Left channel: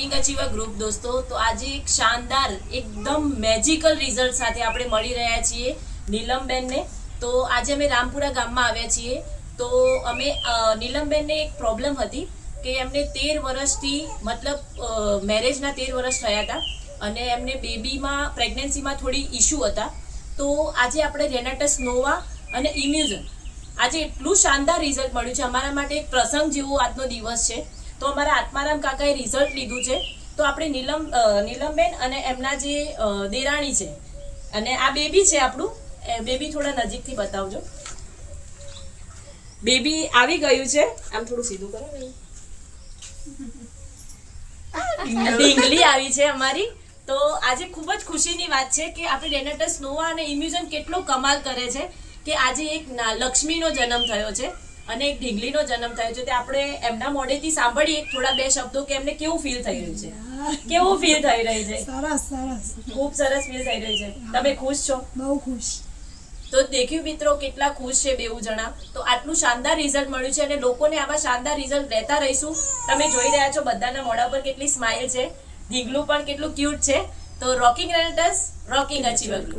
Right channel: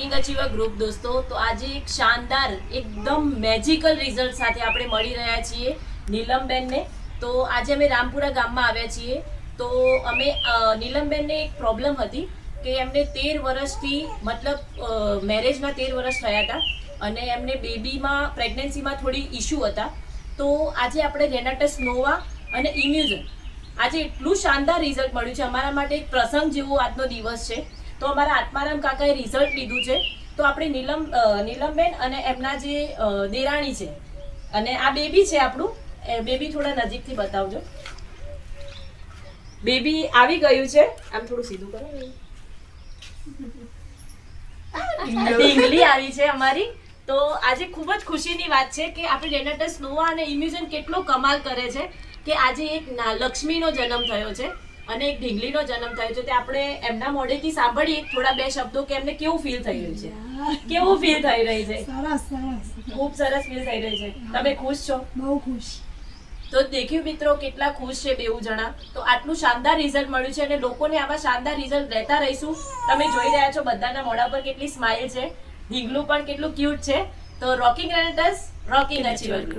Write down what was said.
Rocking અચીવર group દોસ્તો, તો આજે એક શાનદાર એકદમ મેજિકલ રિઝલ્ટ સાથે આપણે મળી રહ્યા છીએ નીલમબેનને. તો આજે અમે રામપુરા ગામમાં આવ્યા છીએ. તો અમે નીલમબેનને એક પ્રોબ્લેમ હતી કે એમને 13 વર્ષથી મતલબ મેરેજના 13 વર્ષ થયા હતા અને એમને બેબીમાં પ્રેગ્નન્સીમાં થોડી ઇશ્યુ હતા. તો આજે આપણે રેનાટસ નોવા અને ઇમ્યુઝન આજે એટલું શાનદાર રિઝલ્ટ મળ્યું છે. અમારા માટે એક પ્રસંગ જેવો આજનો દિવસ છે. તો અમારા આત્મારામ કાકાએ રિઝલ્ટ લીધું છે. તો આપણે નીલમબેન અને એમના જે દેરાણી છે અને આ બેબી છે આપણું, બેબી થોડા નજીકથી બતાવજો. બેબી આવી ગયું છે, આમ થોડું સીધું કરો. ઢીંગલી આવી છે અમારી. તો આજે ખૂબ જ ખુશીની વાત છે કે આપણે રેનાટસ નોવા અને ઇમ્યુઝન કેટલો કમાલ કરે છે કે આજે એક લક્ષ્મીનો જન્મ થયો છે અને એક ઢીંગલીનો જન્મ થયો છે. તે આપણે એમના મોઢેથી સાંભળીએ થોડા બે શબ્દો કે એમને કેવું ફીલ થઈ રહ્યું છે, કેવું ફીલ થઈ રહી છે. સરસ સરસ, ખૂબ સરસ ફીલ થઈ રહી છે. તમે ખુશ છો? બહુ ખુશ. તો દેખ્યું મિત્રો કેટલા ખુશ છે બેઉ જણા. તો આટલું શાનદાર રિઝલ્ટ મળ્યું છે અને લોકોને આવા શાનદાર રિઝલ્ટ લેતા રહીશું. તમે જોઈ રહ્યા છો બધાના મોઢા પર કેટલી સ્માઇલ છે, ઢીંગલું પણ કેટલું ક્યુટ છે. તો રોકિંગ રેનાટસ, રોકિંગ અચીવર.